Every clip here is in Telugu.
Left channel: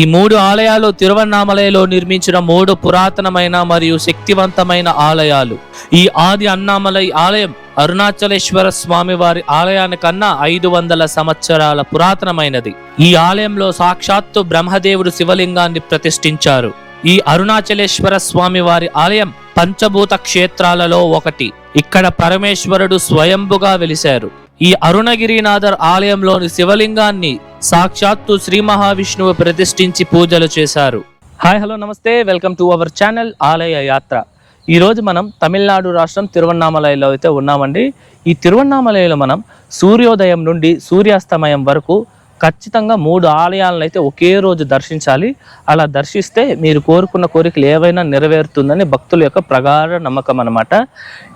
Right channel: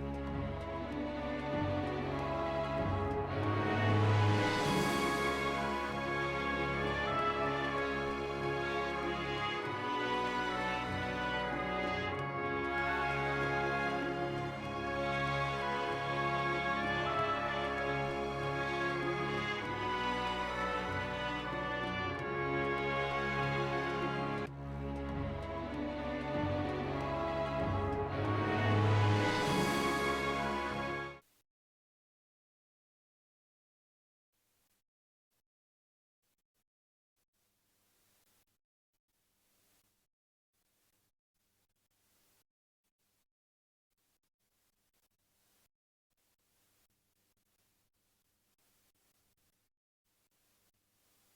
ఈ 3 ఆలయాలు తిరువన్నామలైలో నిర్మించిన 3 పురాతనమైన మరియు శక్తివంతమైన ఆలయాలు. ఈ ఆది అన్నామలై ఆలయం అరుణాచలేశ్వర స్వామి వారి ఆలయానికన్నా 500 సంవత్సరాల పురాతనమైనది. ఈ ఆలయంలో సాక్షాత్తు బ్రహ్మదేవుడు శివలింగాన్ని ప్రతిష్ఠించారు. ఈ అరుణాచలేశ్వర స్వామి వారి ఆలయం పంచభూత క్షేత్రాలలో ఒకటి. ఇక్కడ పరమేశ్వరుడు స్వయంభుగా వెలిశారు. ఈ అరుణగిరినాథర్ ఆలయంలోని శివలింగాన్ని సాక్షాత్తు శ్రీ మహావిష్ణువు ప్రతిష్ఠించి పూజలు చేశారు. హాయ్ హలో నమస్తే, వెల్కమ్ టు అవర్ ఛానల్ ఆలయ యాత్ర. ఈరోజు మనం తమిళనాడు రాష్ట్రం తిరువన్నామలైలో అయితే ఉన్నామండి. ఈ తిరువన్నామలైలో మనం సూర్యోదయం నుండి సూర్యాస్తమయం వరకు ఖచ్చితంగా 3 ఆలయాలను అయితే ఒకే రోజు దర్శించాలి. అలా దర్శిస్తే మీరు కోరుకున్న కోరికలు ఏవైనా నెరవేరుతుందని భక్తుల యొక్క ప్రగాఢ నమ్మకం అన్నమాట.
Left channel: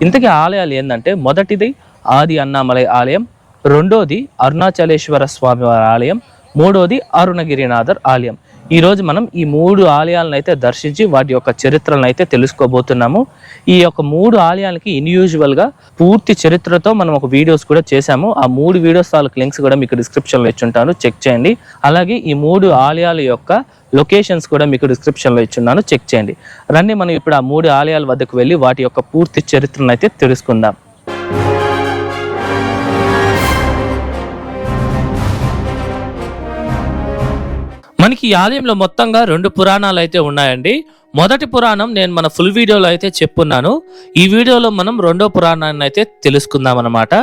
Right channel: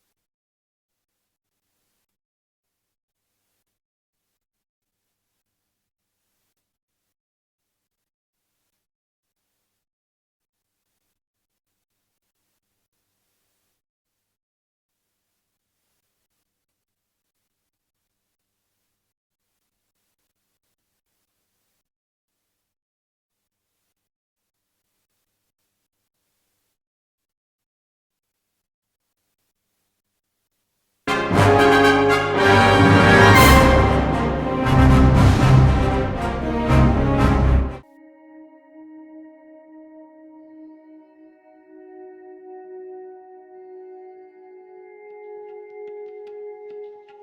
ఇంతకీ ఆలయాలు ఏంటంటే, మొదటిది ఆది అన్నామలై ఆలయం, రెండోది అరుణాచలేశ్వర స్వామి వారి ఆలయం, మూడోది అరుణగిరినాథర్ ఆలయం. ఈ రోజు మనం ఈ 3 ఆలయాలను అయితే దర్శించి వాటి యొక్క చరిత్రలను అయితే తెలుసుకోబోతున్నాము. ఈ యొక్క 3 ఆలయాలకి గా పూర్తి చరిత్రతో మనం ఒక వీడియోస్ కూడా చేశాము. ఆ 3 వీడియోస్ తాలూకు లింక్స్ కూడా మీకు డిస్క్రిప్షన్లో ఇచ్చుంటాను, చెక్ చేయండి. అలాగే ఈ 3 ఆలయాల యొక్క లొకేషన్స్ కూడా మీకు డిస్క్రిప్షన్లో ఇచ్చున్నాను, చెక్ చేయండి. రండి మనం ఇప్పుడు ఆ 3 ఆలయాల వద్దకు వెళ్ళి వాటి యొక్క పూర్తి చరిత్రను అయితే తెలుసుకుందాం. మనకి ఈ ఆలయంలో మొత్తంగా 2 పురాణాలు అయితే ఉన్నాయండి. మొదటి పురాణం నేను మన ఫుల్ వీడియోలో అయితే చెప్పున్నాను. ఈ వీడియోలో మనం 2వ పురాణాన్ని అయితే తెలుసుకుందాం అన్నమాట.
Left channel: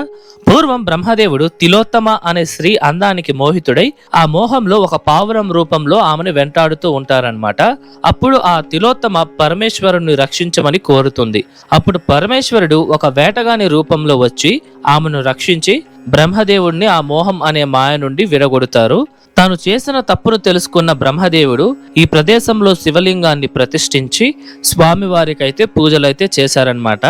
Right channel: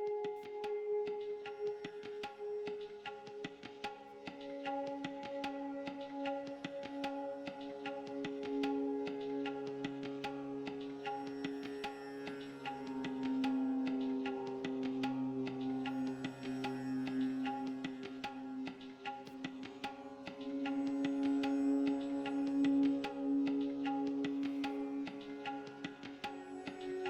పూర్వం బ్రహ్మదేవుడు తిలోత్తమ అనే స్త్రీ అందానికి మోహితుడై ఆ మోహంలో ఒక పావురం రూపంలో ఆమెను వెంటాడుతూ ఉంటారనమాట. అప్పుడు ఆ తిలోత్తమ పరమేశ్వరుని రక్షించమని కోరుతుంది. అప్పుడు పరమేశ్వరుడు ఒక వేటగాని రూపంలో వచ్చి ఆమెను రక్షించి బ్రహ్మదేవుడిని ఆ మోహం అనే మాయ నుండి విడగొడతారు. తాను చేసిన తప్పును తెలుసుకున్న బ్రహ్మదేవుడు ఈ ప్రదేశంలో శివలింగాన్ని ప్రతిష్ఠించి స్వామివారికైతే పూజలైతే చేశారనమాట.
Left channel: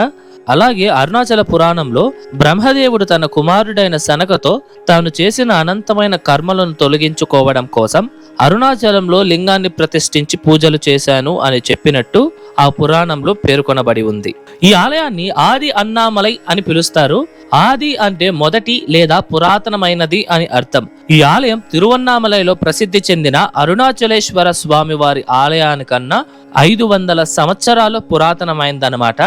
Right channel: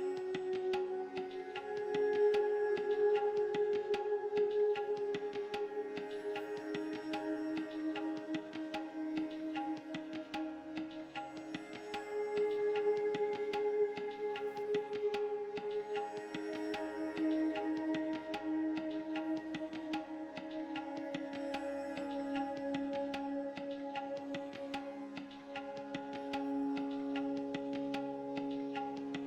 అలాగే అరుణాచల పురాణంలో బ్రహ్మదేవుడు తన కుమారుడైన శనకతో తాను చేసిన అనంతమైన కర్మలను తొలగించుకోవడం కోసం అరుణాచలంలో లింగాన్ని ప్రతిష్ఠించి పూజలు చేశాను అని చెప్పినట్టు ఆ పురాణంలో పేర్కొనబడి ఉంది. ఈ ఆలయాన్ని ఆది అన్నామలై అని పిలుస్తారు. ఆది అంటే మొదటి లేదా పురాతనమైనది అని అర్థం. ఈ ఆలయం తిరువన్నామలైలో ప్రసిద్ధి చెందిన అరుణాచలేశ్వర స్వామి వారి ఆలయానికన్నా 500 సంవత్సరాలు పురాతనమైందనమాట.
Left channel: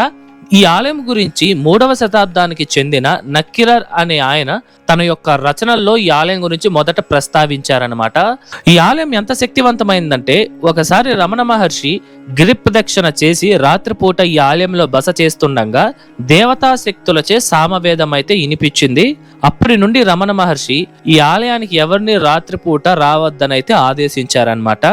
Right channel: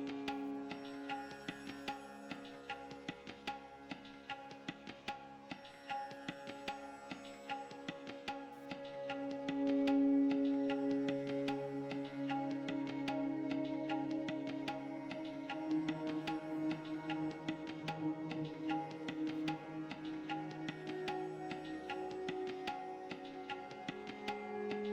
ఈ ఆలయం గురించి 3వ శతాబ్దానికి చెందిన నక్కిరర్ అనే ఆయన తన యొక్క రచనల్లో ఈ ఆలయం గురించి మొదట ప్రస్తావించారనమాట. ఈ ఆలయం ఎంత శక్తివంతమైందంటే, ఒకసారి రమణ మహర్షి గిరి ప్రదక్షిణ చేసి రాత్రిపూట ఈ ఆలయంలో బస చేస్తుండగా దేవతా శక్తులచే సామవేదం అయితే వినిపించింది. అప్పటి నుండి రమణ మహర్షి ఈ ఆలయానికి ఎవరిని రాత్రిపూట రావద్దనైతే ఆదేశించారనమాట.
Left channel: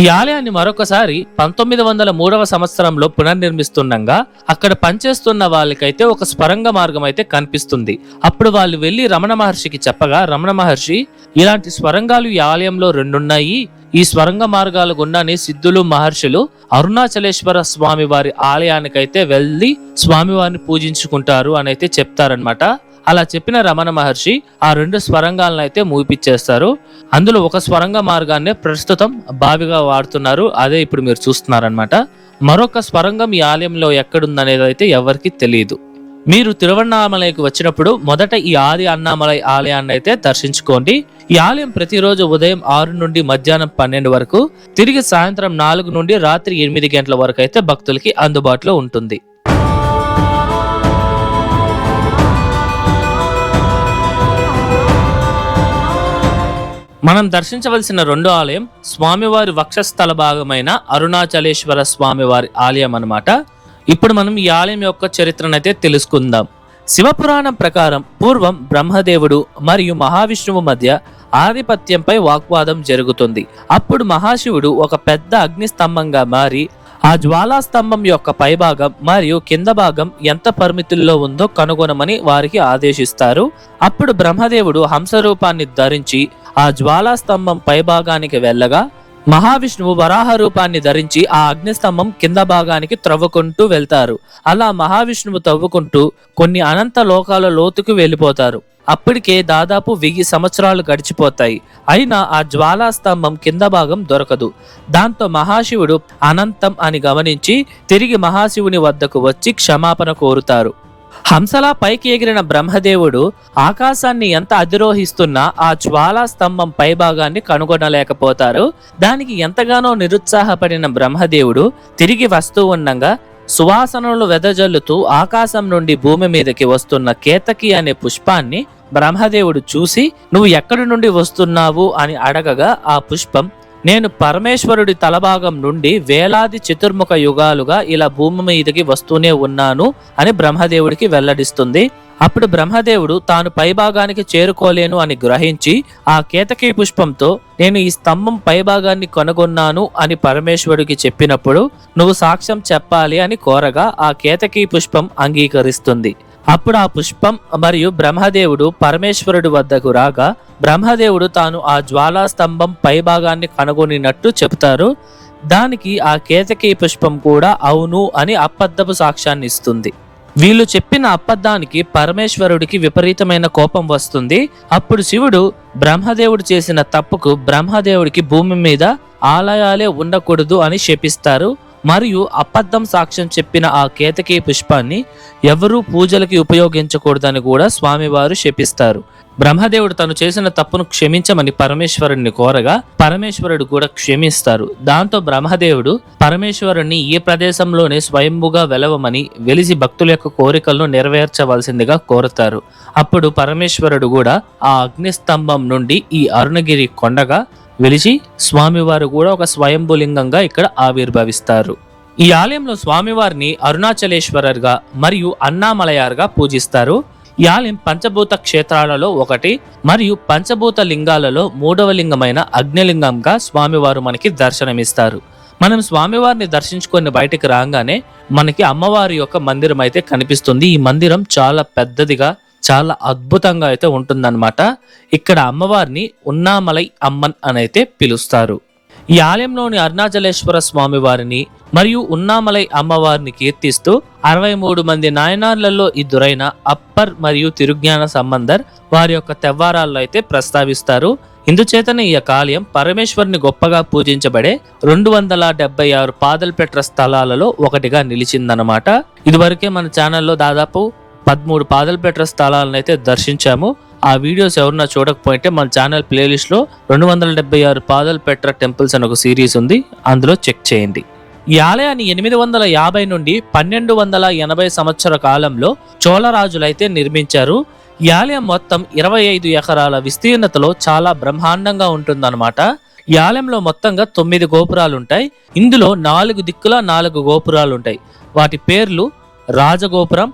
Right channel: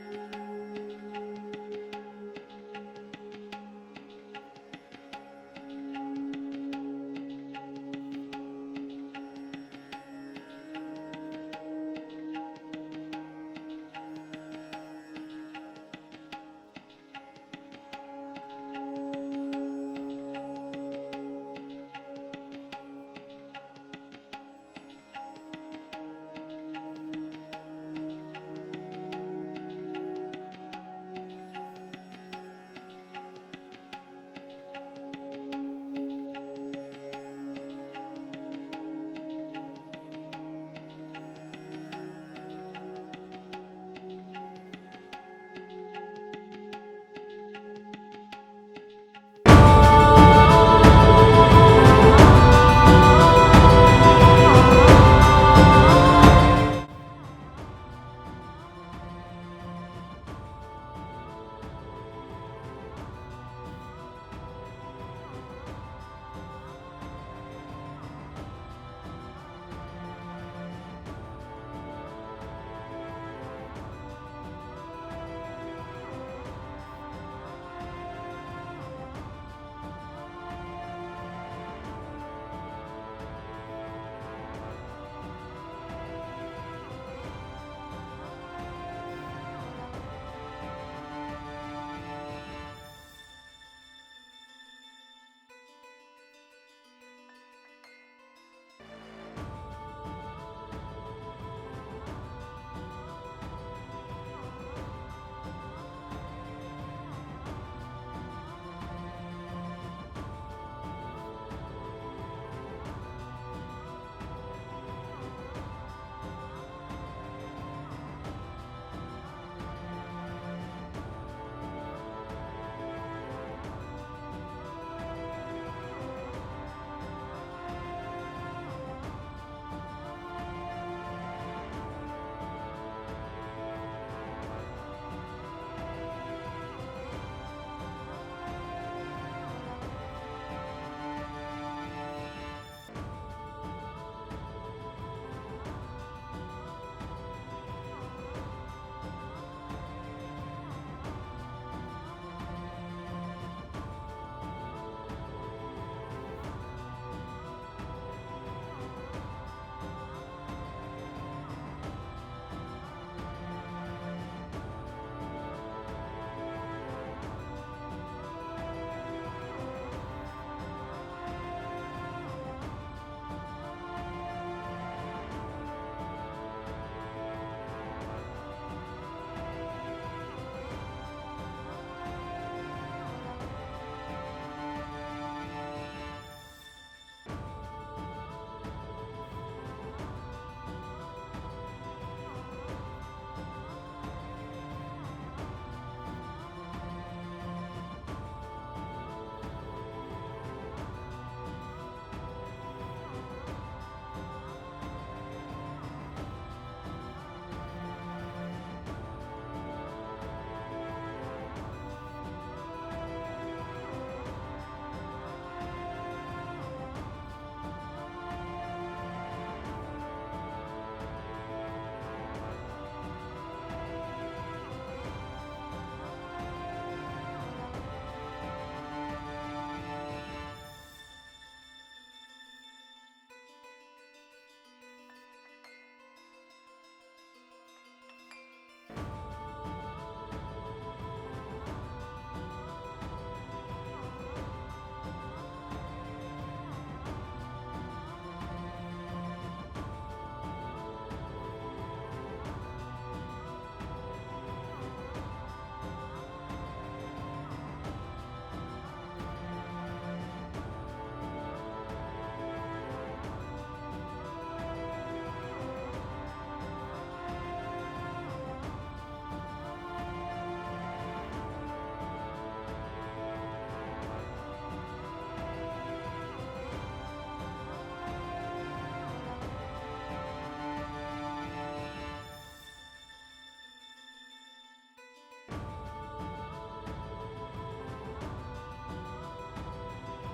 ఈ ఆలయాన్ని మరొకసారి 1903వ సంవత్సరంలో పునర్నిర్మిస్తుండగా అక్కడ పనిచేస్తున్న వాళ్ళకైతే ఒక స్వరంగ మార్గం అయితే కనిపిస్తుంది. అప్పుడు వాళ్ళు వెళ్లి రమణ మహర్షికి చెప్పగా రమణ మహర్షి, ఇలాంటి స్వరంగాలు ఈ ఆలయంలో 2 ఉన్నాయి. ఈ స్వరంగ మార్గాల గుండానే సిద్ధులు మహర్షులు అరుణాచలేశ్వర స్వామి వారి ఆలయానికైతే వెళ్లి స్వామివారిని పూజించుకుంటారు అని అయితే చెప్తారనమాట. అలా చెప్పిన రమణ మహర్షి ఆ 2 స్వరంగాలను అయితే మూపిచ్చేస్తారు. అందులో ఒక స్వరంగ మార్గాన్ని ప్రస్తుతం బావిగా వాడుతున్నారు. అదే ఇప్పుడు మీరు చూస్తున్నారనమాట. మరొక స్వరంగం ఈ ఆలయంలో ఎక్కడుందనేది అయితే ఎవరికి తెలియదు. మీరు తిరువన్నామలైకి వచ్చినప్పుడు మొదట ఈ ఆది అన్నామలై ఆలయాన్ని అయితే దర్శించుకోండి. ఈ ఆలయం ప్రతిరోజు ఉదయం 6 నుండి మధ్యాహ్నం 12 వరకు, తిరిగి సాయంత్రం 4 నుండి రాత్రి 8 గంటల వరకు అయితే భక్తులకి అందుబాటులో ఉంటుంది. మనం దర్శించవలసిన 2వ ఆలయం స్వామివారి వక్షస్థల భాగమైన అరుణాచలేశ్వర స్వామివారి ఆలయం అన్నమాట. ఇప్పుడు మనం ఈ ఆలయం యొక్క చరిత్రనైతే తెలుసుకుందాం. శివపురాణం ప్రకారం పూర్వం బ్రహ్మదేవుడు మరియు మహావిష్ణువు మధ్య ఆధిపత్యంపై వాగ్వాదం జరుగుతుంది. అప్పుడు మహాశివుడు ఒక పెద్ద అగ్నిస్తంభంగా మారి ఆ జ్వాలా స్తంభం యొక్క పైభాగం మరియు కింద భాగం ఎంత పరిమితుల్లో ఉందో కనుగొనమని వారికి ఆదేశిస్తారు. అప్పుడు బ్రహ్మదేవుడు హంస రూపాన్ని ధరించి ఆ జ్వాలా స్తంభం పైభాగానికి వెళ్ళగా మహావిష్ణువు వరాహ రూపాన్ని ధరించి ఆ అగ్నిస్తంభం కింద భాగానికి త్రవ్వుకుంటూ వెళ్తారు. అలా మహావిష్ణువు తవ్వుకుంటూ కొన్ని అనంత లోకాల లోతుకు వెళ్ళిపోతారు. అప్పటికే దాదాపు 1000 సంవత్సరాలు గడిచిపోతాయి. అయినా ఆ జ్వాలా స్తంభం కింద భాగం దొరకదు. దాంతో మహాశివుడు అనంతం అని గమనించి తిరిగి మహాశివుని వద్దకు వచ్చి క్షమాపణ కోరుతారు. హంసలా పైకి ఎగిరిన బ్రహ్మదేవుడు ఆకాశాన్ని ఎంత అధిరోహిస్తున్నా ఆ జ్వాలా స్తంభం పైభాగాన్ని కనుగొనలేకపోతారు. దానికి ఎంతగానో నిరుత్సాహపడిన బ్రహ్మదేవుడు తిరిగి వస్తూ ఉండగా సువాసనలు వెదజల్లుతూ ఆకాశం నుండి భూమి మీదకి వస్తున్న కేతకి అనే పుష్పాన్ని బ్రహ్మదేవుడు చూసి, నువ్వు ఎక్కడి నుండి వస్తున్నావు అని అడగగా ఆ పుష్పం, నేను పరమేశ్వరుడి తలభాగం నుండి వేలాది చతుర్ముఖ యుగాలుగా ఇలా భూమి మీదకి వస్తూనే ఉన్నాను అని బ్రహ్మదేవుడికి వెల్లడిస్తుంది. అప్పుడు బ్రహ్మదేవుడు తాను పైభాగానికి చేరుకోలేను అని గ్రహించి ఆ కేతకీ పుష్పంతో, నేను ఈ స్తంభం పైభాగాన్ని కనుగొన్నాను అని పరమేశ్వరుడికి చెప్పినప్పుడు నువ్వు సాక్ష్యం చెప్పాలి అని కోరగా ఆ కేతకీ పుష్పం అంగీకరిస్తుంది. అప్పుడు ఆ పుష్పం మరియు బ్రహ్మదేవుడు పరమేశ్వరుడి వద్దకు రాగా బ్రహ్మదేవుడు తాను ఆ జ్వాలా స్తంభం పైభాగాన్ని కనుగొనినట్టు చెబుతారు. దానికి ఆ కేతకీ పుష్పం కూడా అవును అని అబద్ధపు సాక్ష్యాన్ని ఇస్తుంది. వీళ్ళు చెప్పిన అబద్ధానికి పరమేశ్వరుడికి విపరీతమైన కోపం వస్తుంది. అప్పుడు శివుడు బ్రహ్మదేవుడు చేసిన తప్పుకు బ్రహ్మదేవుడికి భూమి మీద ఆలయాలే ఉండకూడదు అని శపిస్తారు. మరియు అబద్ధం సాక్ష్యం చెప్పిన ఆ కేతకీ పుష్పాన్ని ఎవరూ పూజలకి ఉపయోగించకూడదని కూడా స్వామివారు శపిస్తారు. బ్రహ్మదేవుడు తను చేసిన తప్పును క్షమించమని పరమేశ్వరుడిని కోరగా పరమేశ్వరుడు కూడా క్షమిస్తారు. దాంతో బ్రహ్మదేవుడు పరమేశ్వరుడిని ఈ ప్రదేశంలోనే స్వయంభుగా వెలవమని వెలిసి భక్తుల యొక్క కోరికలను నెరవేర్చవలసిందిగా కోరుతారు. అప్పుడు పరమేశ్వరుడు కూడా ఆ అగ్నిస్తంభం నుండి ఈ అరుణగిరి కొండగా వెలిసి స్వామివారు కూడా ఒక స్వయంభులింగంగా ఇక్కడ ఆవిర్భవిస్తారు. ఈ ఆలయంలో స్వామివారిని అరుణాచలేశ్వరర్గా మరియు అన్నామలయార్గా పూజిస్తారు. ఈ ఆలయం పంచభూత క్షేత్రాలలో ఒకటి మరియు పంచభూత లింగాలలో మూడవ లింగమైన అగ్నిలింగంగా స్వామివారు మనకి దర్శనమిస్తారు. మనం స్వామివారిని దర్శించుకొని బయటికి రాగానే మనకి అమ్మవారి యొక్క మందిరం అయితే కనిపిస్తుంది. ఈ మందిరం చాలా పెద్దదిగా చాలా అద్భుతంగా అయితే ఉంటుందన్నమాట. ఇక్కడ అమ్మవారిని ఉన్నామలై అమ్మన్ అని అయితే పిలుస్తారు. ఈ ఆలయంలోని అరుణాచలేశ్వర స్వామి వారిని మరియు ఉన్నామలై అమ్మవారిని కీర్తిస్తూ 63 మంది నాయనార్లలో ఇద్దరైన అప్పర్ మరియు తిరుజ్ఞాన సంబంధర్ వారి యొక్క తెవ్వారాల్లో అయితే ప్రస్తావిస్తారు. ఇందుచేతనే ఈ యొక్క ఆలయం పరమేశ్వరుని గొప్పగా పూజించబడే 276 పాదల్పెట్ర స్థలాలలో ఒకటిగా నిలిచిందనమాట. ఇదివరకే మన ఛానల్లో దాదాపు 13 పాదల్పెట్ర స్థలాలను అయితే దర్శించాము. ఆ వీడియోస్ ఎవరన్నా చూడకపోయింటే మన ఛానల్ ప్లేలిస్ట్ లో 276 పాదల్పెట్ర టెంపుల్స్ అని ఒక సిరీస్ ఉంది, అందులో చెక్ చేయండి. ఈ ఆలయాన్ని 850 నుండి 1280 సంవత్సర కాలంలో చోళరాజులైతే నిర్మించారు. ఈ ఆలయం మొత్తం 25 ఎకరాల విస్తీర్ణతలో చాలా బ్రహ్మాండంగా ఉంటుందన్నమాట. ఈ ఆలయంలో మొత్తంగా 9 గోపురాలు ఉంటాయి. ఇందులో 4 దిక్కుల 4 గోపురాలు ఉంటాయి. వాటి పేర్లు రాజగోపురం,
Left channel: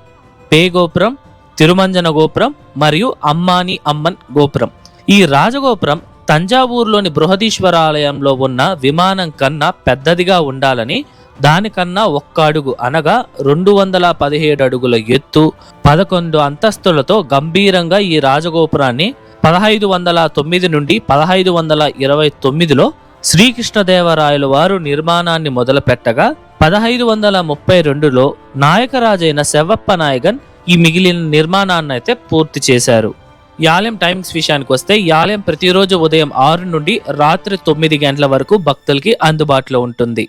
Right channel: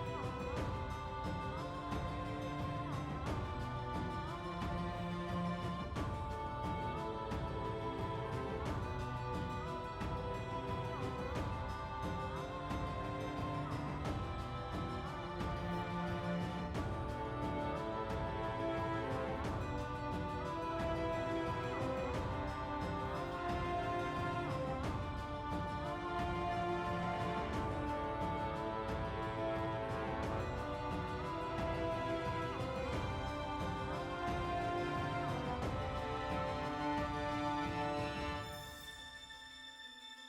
పే గోపురం, తిరుమంజన గోపురం మరియు అమ్మాని అమ్మన్ గోపురం. ఈ రాజగోపురం తంజావూరులోని బృహదీశ్వర ఆలయంలో ఉన్న విమానం కన్నా పెద్దదిగా ఉండాలని, దానికన్నా 1 అడుగు అనగా 217 అడుగుల ఎత్తు 11 అంతస్తులతో గంభీరంగా ఈ రాజగోపురాన్ని 1509 నుండి 1529లో శ్రీకృష్ణదేవరాయల వారు నిర్మాణాన్ని మొదలుపెట్టగా 1532లో నాయకరాజైన శెవ్వప్ప నాయగన్ ఈ మిగిలిన నిర్మాణాన్ని అయితే పూర్తి చేశారు. ఈ ఆలయం టైమ్స్ విషయానికి వస్తే ఈ ఆలయం ప్రతిరోజు ఉదయం 6 నుండి రాత్రి 9 గంటల వరకు భక్తులకి అందుబాటులో ఉంటుంది.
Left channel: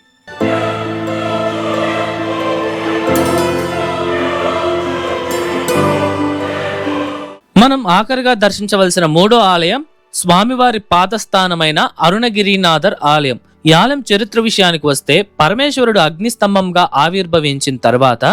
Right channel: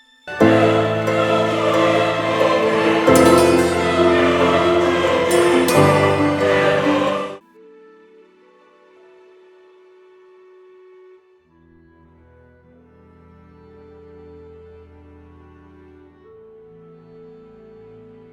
మనం ఆఖరిగా దర్శించవలసిన 3వ ఆలయం స్వామివారి పాదస్థానమైన అరుణగిరినాథర్ ఆలయం. ఈ ఆలయం చరిత్ర విషయానికి వస్తే పరమేశ్వరుడు అగ్నిస్తంభంగా ఆవిర్భవించిన తర్వాత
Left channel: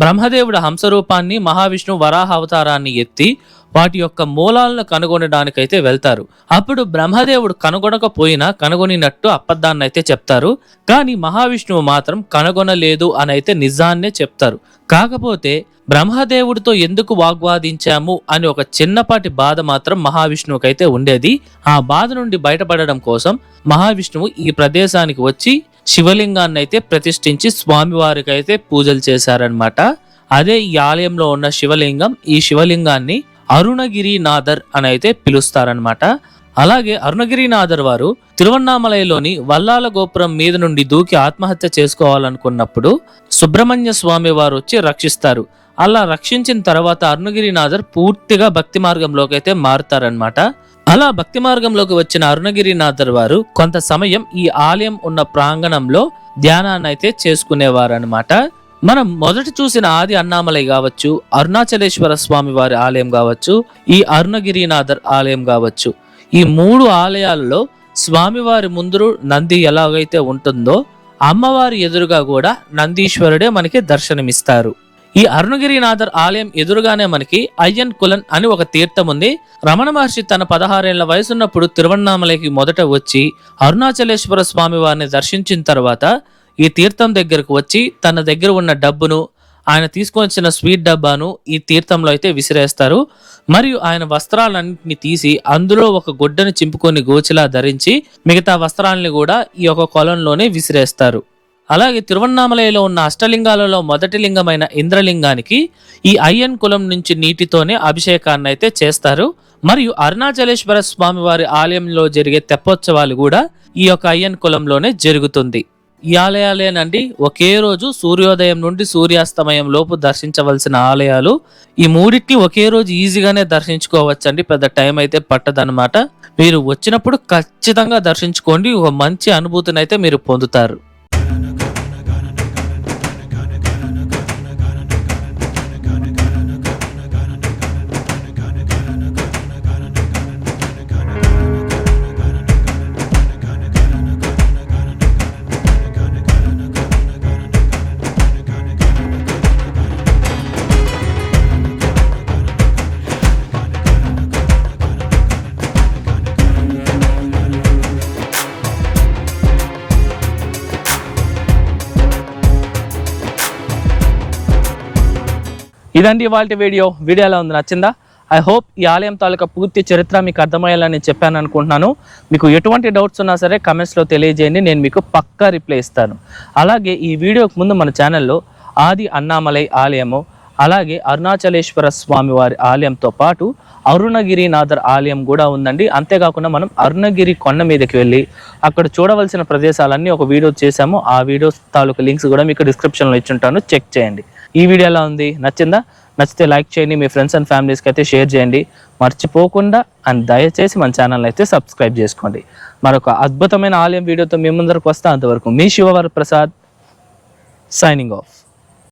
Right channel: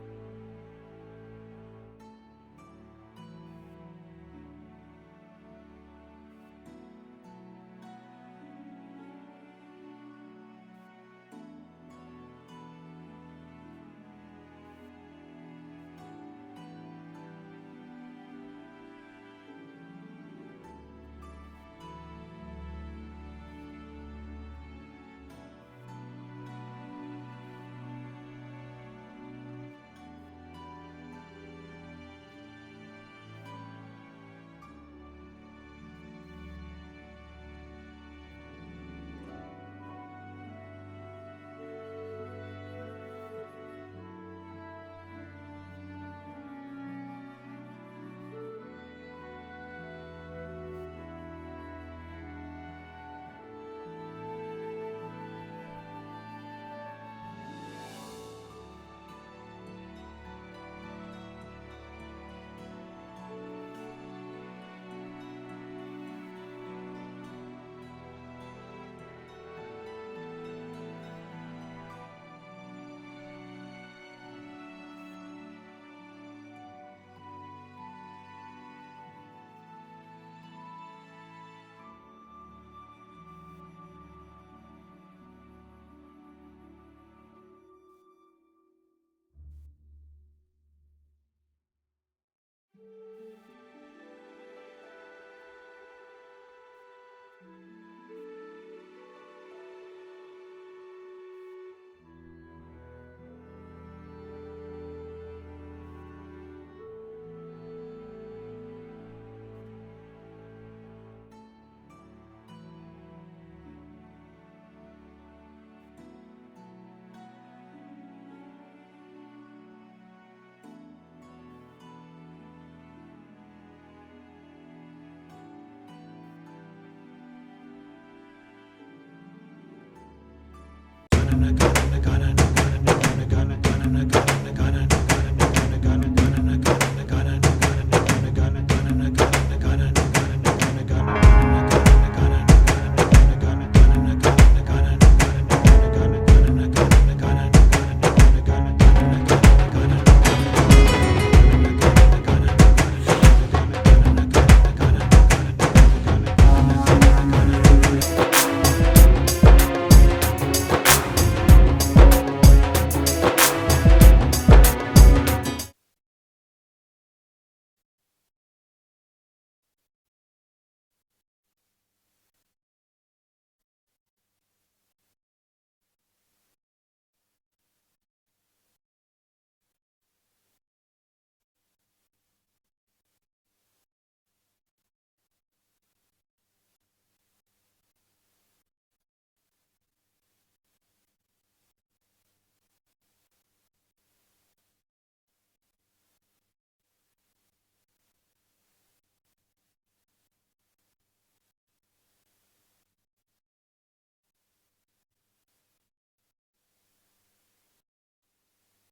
బ్రహ్మదేవుడు హంసరూపాన్ని, మహావిష్ణు వరాహ అవతారాన్ని ఎత్తి వాటి యొక్క మూలాలను కనుగొనడానికైతే వెళ్తారు. అప్పుడు బ్రహ్మదేవుడు కనుగొనకపోయినా కనుగొనినట్టు అబద్ధాన్ని అయితే చెప్తారు. కానీ మహావిష్ణువు మాత్రం కనుగొనలేదు అని అయితే నిజాన్నే చెప్తారు. కాకపోతే బ్రహ్మదేవుడితో ఎందుకు వాగ్వాదించాము అని ఒక చిన్నపాటి బాధ మాత్రం మహావిష్ణువుకైతే ఉండేది. ఆ బాధ నుండి బయటపడడం కోసం మహావిష్ణువు ఈ ప్రదేశానికి వచ్చి శివలింగాన్ని అయితే ప్రతిష్ఠించి స్వామివారికి అయితే పూజలు చేశారనమాట. అదే ఈ ఆలయంలో ఉన్న శివలింగం. ఈ శివలింగాన్ని అరుణగిరినాథర్ అని అయితే పిలుస్తారనమాట. అలాగే అరుణగిరినాథర్ వారు తిరువన్నామలైలోని వల్లాల గోపురం మీద నుండి దూకి ఆత్మహత్య చేసుకోవాలనుకున్నప్పుడు సుబ్రహ్మణ్య స్వామి వారు వచ్చి రక్షిస్తారు. అలా రక్షించిన తర్వాత అరుణగిరినాథర్ పూర్తిగా భక్తి మార్గంలోకి అయితే మారుతారనమాట. అలా భక్తి మార్గంలోకి వచ్చిన అరుణగిరినాథర్ వారు కొంత సమయం ఈ ఆలయం ఉన్న ప్రాంగణంలో ధ్యానాన్ని అయితే చేసుకునేవారనమాట. మనం మొదట చూసిన ఆది అన్నామలై కావచ్చు, అరుణాచలేశ్వర స్వామి వారి ఆలయం కావచ్చు, ఈ అరుణగిరినాథర్ ఆలయం కావచ్చు, ఈ 3 ఆలయాలలో స్వామివారి ముందు నంది ఎలాగైతే ఉంటుందో అమ్మవారి ఎదురుగా కూడా నందీశ్వరుడే మనకి దర్శనమిస్తారు. ఈ అరుణగిరినాథర్ ఆలయం ఎదురుగానే మనకి అయ్యన్ కులన్ అని ఒక తీర్థం ఉంది. రమణ మహర్షి తన 16 ఏళ్ల వయసున్నప్పుడు తిరువన్నామలైకి మొదట వచ్చి అరుణాచలేశ్వర స్వామి వారిని దర్శించిన తర్వాత ఈ తీర్థం దగ్గరకు వచ్చి తన దగ్గర ఉన్న డబ్బును, ఆయన తీసుకొని వచ్చిన స్వీట్ డబ్బాను ఈ తీర్థంలో అయితే విసిరేస్తారు. మరియు ఆయన వస్త్రాలన్నింటినీ తీసి అందులో ఒక గుడ్డని చింపుకొని గోచిలా ధరించి మిగతా వస్త్రాలని కూడా ఈ యొక్క కొలంలోనే విసిరేస్తారు. అలాగే తిరువన్నామలైలో ఉన్న అష్టలింగాలలో మొదటి లింగమైన ఇంద్రలింగానికి ఈ అయ్యన్ కులం నుంచి నీటితోనే అభిషేకాన్ని అయితే చేస్తారు. మరియు అరుణాచలేశ్వర స్వామి వారి ఆలయంలో జరిగే తెప్పోత్సవాలు కూడా ఈ యొక్క అయ్యన్ కులంలోనే జరుగుతుంది. ఈ ఆలయాలేనండి ఒకే రోజు సూర్యోదయం నుండి సూర్యాస్తమయం లోపు దర్శించవలసిన ఆలయాలు. ఈ మూడింటిని ఒకే రోజు ఈజీగానే దర్శించుకోవచ్చండి, పెద్ద టైం అయితే పట్టదనమాట. మీరు వచ్చినప్పుడు ఖచ్చితంగా దర్శించుకోండి, ఒక మంచి అనుభూతిని అయితే మీరు పొందుతారు. ఇదండి ఇవాళ వీడియో ఎలా ఉంది, నచ్చిందా? ఐ హోప్ ఈ ఆలయం తాలూకా పూర్తి చరిత్ర మీకు అర్థమయ్యేలా నేను చెప్పాను అనుకుంటున్నాను. మీకు ఎటువంటి డౌట్స్ ఉన్నా సరే కమెంట్స్లో తెలియజేయండి, నేను మీకు పక్కా రిప్లై ఇస్తాను. అలాగే ఈ వీడియోకి ముందు మన ఛానల్లో ఆది అన్నామలై ఆలయము, అలాగే అరుణాచలేశ్వర స్వామి వారి ఆలయంతో పాటు అరుణగిరినాథర్ ఆలయం కూడా ఉందండి. అంతేకాకుండా మనం అరుణగిరి కొండ మీదకి వెళ్ళి అక్కడ చూడవలసిన ప్రదేశాలన్నీ ఒక వీడియో చేశాము. ఆ వీడియో తాలూకా లింక్స్ కూడా మీకు డిస్క్రిప్షన్లో ఇచ్చుంటాను, చెక్ చేయండి. ఈ వీడియో ఎలా ఉంది, నచ్చిందా? నచ్చితే లైక్ చేయండి, మీ ఫ్రెండ్స్ అండ్ ఫ్యామిలీస్కి అయితే షేర్ చేయండి, మర్చిపోకుండా అండ్ దయచేసి మన ఛానల్ అయితే సబ్స్క్రైబ్ చేసుకోండి. మరొక అద్భుతమైన ఆలయం వీడియోతో మీ ముందరకు వస్తా. అంతవరకు మీ శివవర ప్రసాద్ సైనింగ్ ఆఫ్.